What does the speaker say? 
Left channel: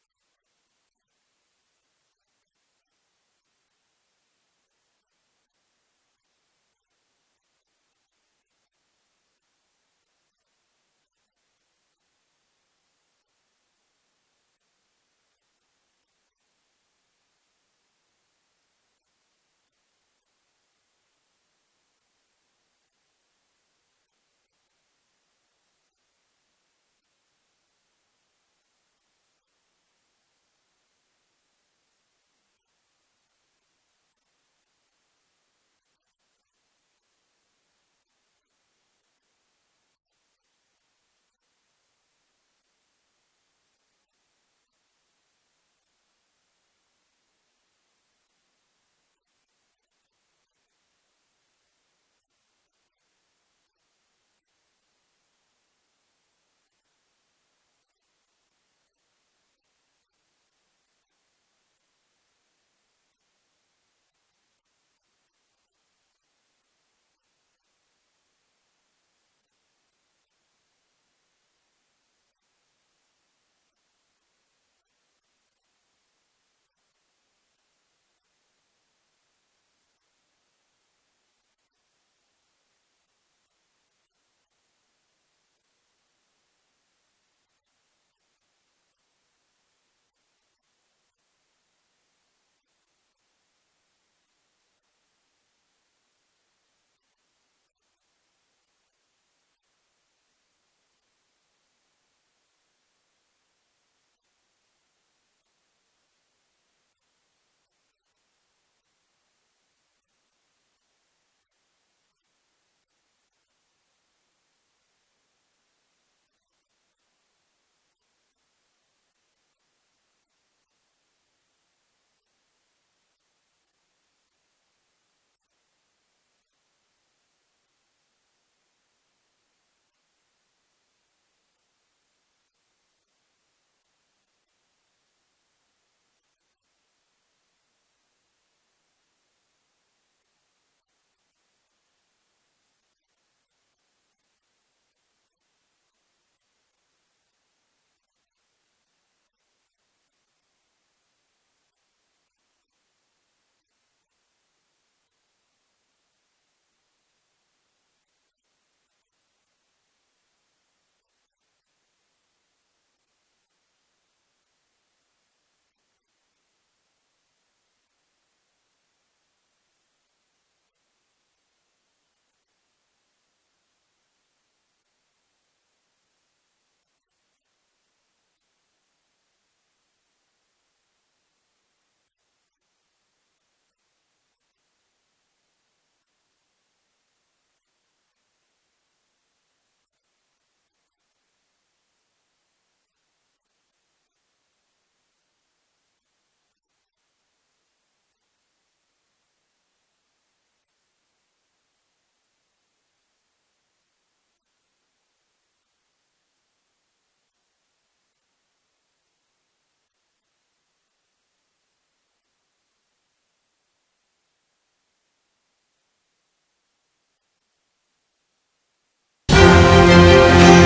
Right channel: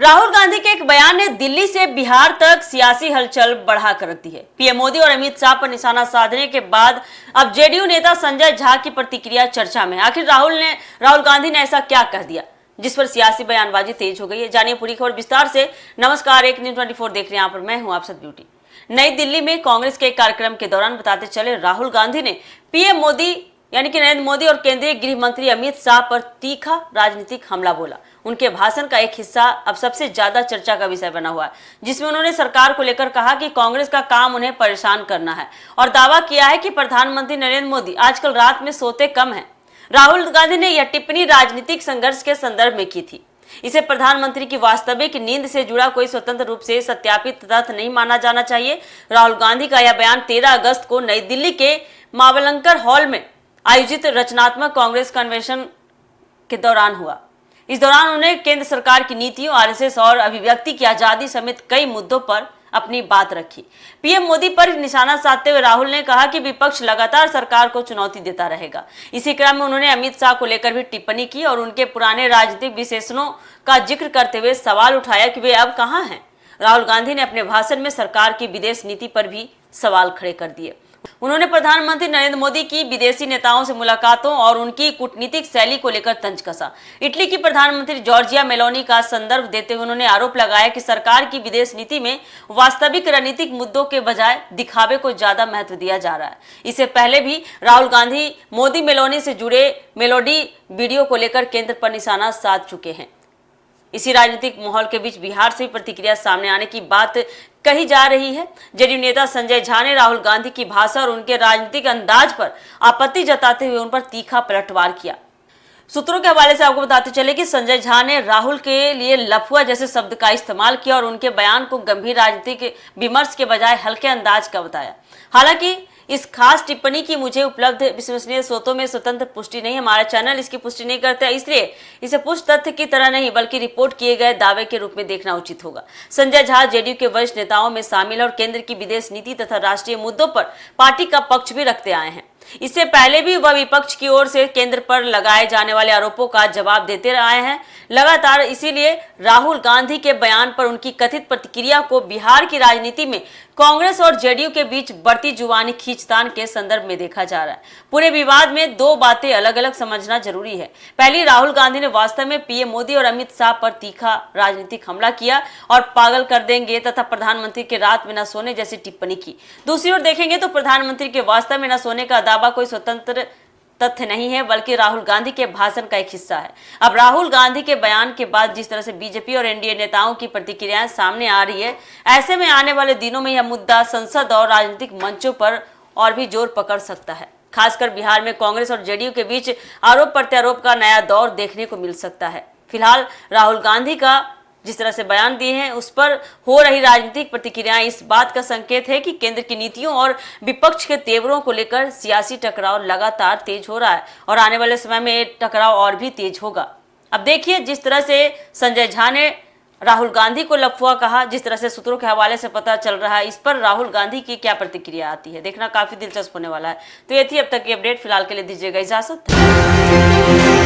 राहुल गांधी के एक बयान ने दिल्ली से बिहार तक सियासी हलचल बढ़ा कर रख दी है। पीएम मोदी और अमित शाह पर निशाना साधने के बाद अब जेडीयू नेता संजय झा की प्रतिक्रिया चर्चा में। आखिर राहुल गांधी ने ऐसा क्या कह दिया जिस पर सियासी बयानबाजी तेज हो गई है। जानिए पूरी खबर विस्तार से। नमस्कार, एक न्यूज़ 24 देख रहे हैं, यहाँ पर मैं हूँ आप सब ब्यूटी। नई दिल्ली में कांग्रेस के एक कार्यक्रम के दौरान बताते चले राहुल गांधी ने पीएम मोदी यानी कि नरेंद्र मोदी और केंद्रीय गृह मंत्री अमित शाह पर तीखा राजनीतिक हमला बोला। उनके भाषण का एक हिस्सा अब सबसे ज्यादा चर्चा का विषय बना हुआ है, जिसमें उन्होंने सरकार को लेकर कहा कि कांग्रेस का काम उन्हें परेशान करना है और दावा किया है कि प्रधानमंत्री नरेंद्र मोदी आजकल रात में सोते कम हैं। राहुल गांधी ने यह टिप्पणी राजनीतिक संघर्ष के संदर्भ में की थी। इसे प्रधानमंत्री की वास्तविक नींद से जुड़ा कोई स्वतंत्र रूप से सत्यापित तथ्य नहीं माना जाना चाहिए। राहुल गांधी का यह बयान 13 अगस्त को नई दिल्ली के मावलंकर हॉल में आयोजित रचनात्मक कांग्रेस कन्वेंशन के दौरान हुआ। इस दौरान उन्होंने केंद्र सरकार की नीतियों, आरएसएस और अभिव्यक्ति की आजादी समेत कई मुद्दों पर अपनी बात रखी। पीएम मोदी पर निशाना साधते हुए राहुल ने कहा कि विपक्ष लगातार सरकार को चुनौती देता रहेगा। इसी क्रम में उन्होंने अमित शाह को लेकर भी टिप्पणी की और उनके पुराने राजनीतिक विशेषणों का जिक्र करते हुए सवाल उठाया कि वे अब कहां हैं। राहुल गांधी ने अपने भाषण में सरकार की विदेश नीति पर भी सवाल खड़े कर दिए। उन्होंने प्रधानमंत्री नरेंद्र मोदी की विदेशी नेताओं से मुलाकातों और उनकी कूटनीतिक शैली को लेकर तंज कसा। इटली की प्रधानमंत्री जॉर्जिया मेलोनी का संदर्भ देते हुए उन्होंने आरोप लगाया कि सरकार की विदेश नीति में वास्तविक रणनीतिक मुद्दों के बजाय दिखावे को ज्यादा महत्व दिया जा रहा है। इससे पहले भी राहुल गांधी मोदी मेलोनी से जुड़े मेलोडी वीडियो को लेकर केंद्र पर निशाना साध चुके हैं। इसी राजनीतिक माहौल के बीच बिहार से प्रतिक्रिया सामने आने की बात कही जा रही है। जेडीयू नेता संजय झा ने राहुल गांधी की भाषा और उनके राजनीतिक अंदाज पर आपत्ति जताते हुए उन पर तीखा पलटवार किया। सूत्रों के हवाले से आपको बताते चले कि संजय झा ने राहुल के लिए लफुआ जैसे शब्द का इस्तेमाल किया और उनके बयान को गंभीर राजनीतिक विमर्श के बजाय हल्के अंदाज का बताया। हालांकि इस खास टिप्पणी की मुझे उपलब्ध विश्वसनीय स्रोतों में स्वतंत्र पुष्टि नहीं है। हमारा चैनल इसकी पुष्टि नहीं करता, इसलिए इसे पुष्ट तथ्य की तरह नहीं बल्कि रिपोर्ट किए गए दावे के रूप में देखना उचित होगा। संजय झा जेडीयू के वरिष्ठ नेताओं में शामिल है और केंद्र की विदेश नीति तथा राष्ट्रीय मुद्दों पर पार्टी का पक्ष भी रखते आए हैं। इससे पहले भी वह विपक्ष की ओर से केंद्र पर लगाए जाने वाले आरोपों का जवाब देते आए हैं लगातार। इसीलिए राहुल गांधी के बयान पर उनकी कथित प्रतिक्रिया को बिहार की राजनीति में कांग्रेस और जेडीयू के बीच बढ़ती जुबानी खींचतान के संदर्भ में देखा जा रहा है। पूरे विवाद में दो बातें अलग अलग समझना जरूरी है। पहली, राहुल गांधी ने वास्तव में पीएम मोदी और अमित शाह पर तीखा राजनीतिक हमला किया और पागल कर देंगे तथा प्रधानमंत्री के रात में न सोने जैसी टिप्पणी की। दूसरी ओर देखेंगे तो प्रधानमंत्री के वास्तव में न सोने का दावा कोई स्वतंत्र तथ्य नहीं है बल्कि राहुल गांधी के भाषण का एक हिस्सा है। अब राहुल गांधी के बयान के बाद जिस तरह से बीजेपी और एनडीए नेताओं की प्रतिक्रियाएं सामने आ रही है, ऐसे में आने वाले दिनों में यह मुद्दा संसद और राजनीतिक मंचों पर और भी जोर पकड़ सकता है। खासकर बिहार में कांग्रेस और जेडीयू के बीच आरोप प्रत्यारोप का नया दौर देखने को मिल सकता है। फिलहाल राहुल गांधी का जिस तरह से बयान दिए हैं उस पर हो रही राजनीतिक प्रतिक्रियाएं इस बात का संकेत है कि केंद्र की नीतियों और विपक्ष के तेवरों को लेकर सियासी टकराव लगातार तेज हो रहा है और आने वाले समय में टकराव और भी तेज होगा। अब देखिए, जिस तरह से संजय झा ने राहुल गांधी को लफुआ कहा, जिस तरह से सूत्रों के हवाले से पता चल रहा है, इस पर राहुल गांधी की क्या प्रतिक्रिया आती है, देखना काफी दिलचस्प होने वाला है। तो ये थी अब तक की अपडेट। फिलहाल के लिए दीजिएगा इजाजत।